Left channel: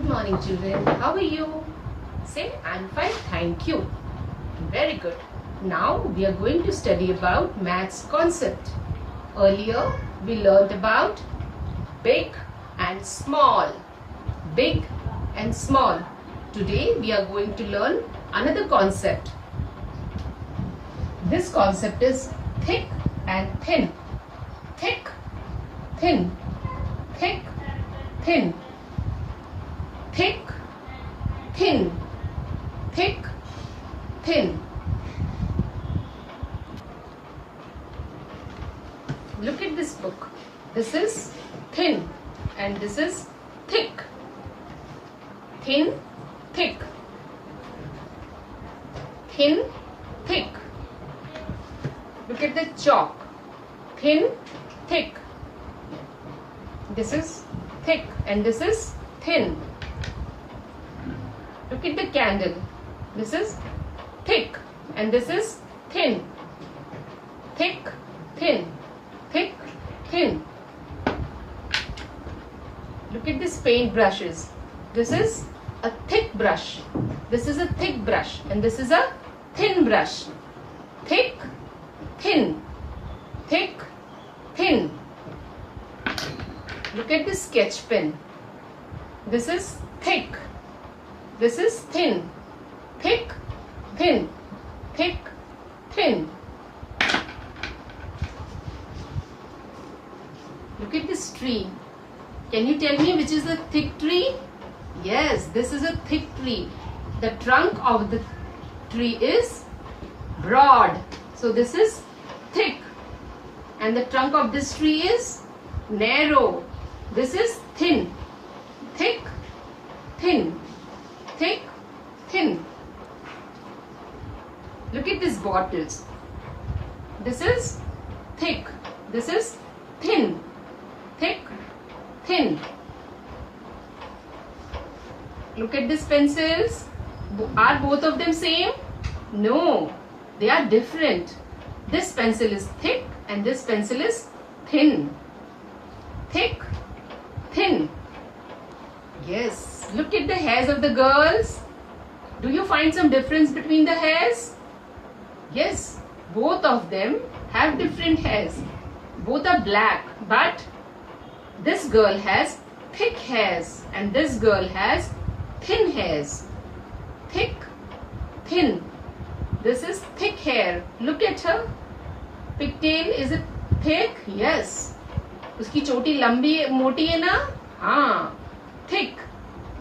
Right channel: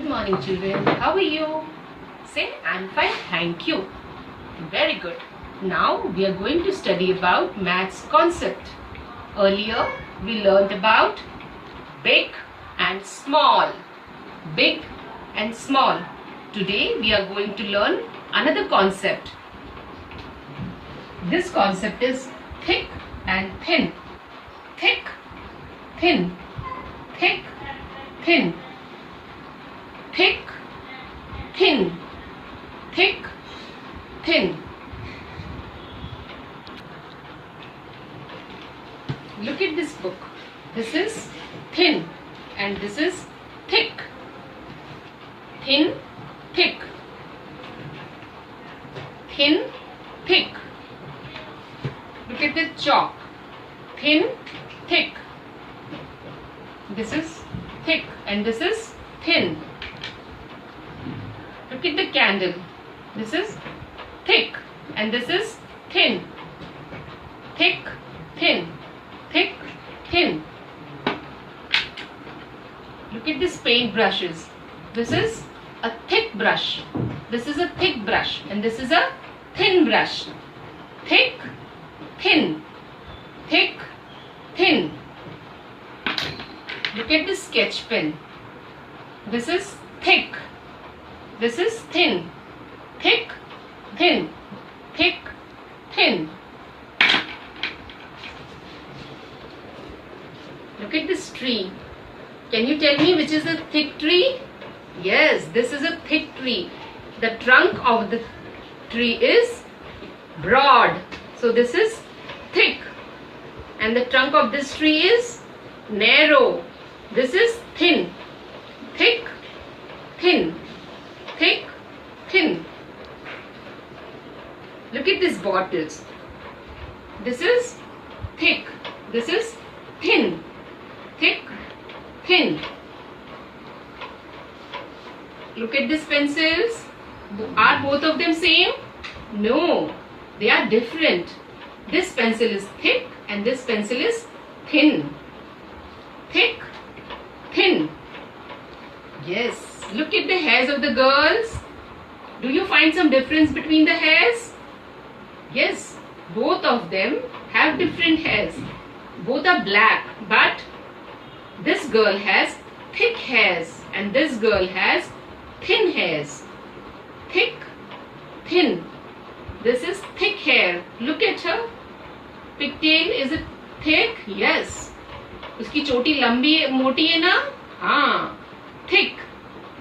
Good morning, children. How are you? Say, I'm fine, thank you. Very good. Now we are going to study about maths concept. Earlier we learned about big and small. Big and small. Today we are going to learn another concept. This concept is thick and thin. Thick, thin, thick, thin. Thick, thin, thick, thin. Look at this book. This is thin and this is thick. Thin, thick. Thin, thick. Look at the chalk. Thin, thick. This is thick and this is thin. Look at the candle. This is thick and this is thin. Thick, thin, thick, thin. Look at these paint brushes. This is a thick brush. This is a thick brush and this is a thin brush. Thick, thin, thick, thin. Look at this sketch pen. This is thick. This is thin. Thick, thin, thick, thin. Look at this tree. Can you tell me which is the thick tree? Yes, this is a thick tree. The trunk of the tree is broad. So this is thick. And the trunk of this tree is narrow. This is thin. Thick, thin. Thick, thin. Look at these bottles. This is thick. This is thin. Thick, thin. Look at these pencils. Are both of them same? No, they are different. This pencil is thick and this pencil is thin. Thick, thin. Yes. Look at the hairs of the girls. Do you find some difference between the hairs? Yes, both of them have different hairs. Both are black, but this girl has thick hairs and this girl has thin hairs. Thick, thin. This is thick hair. Look at her. Pigtail, is it thick? Yes. उसकी चोटी लंबी मोटी है ना? हाँ. Thick.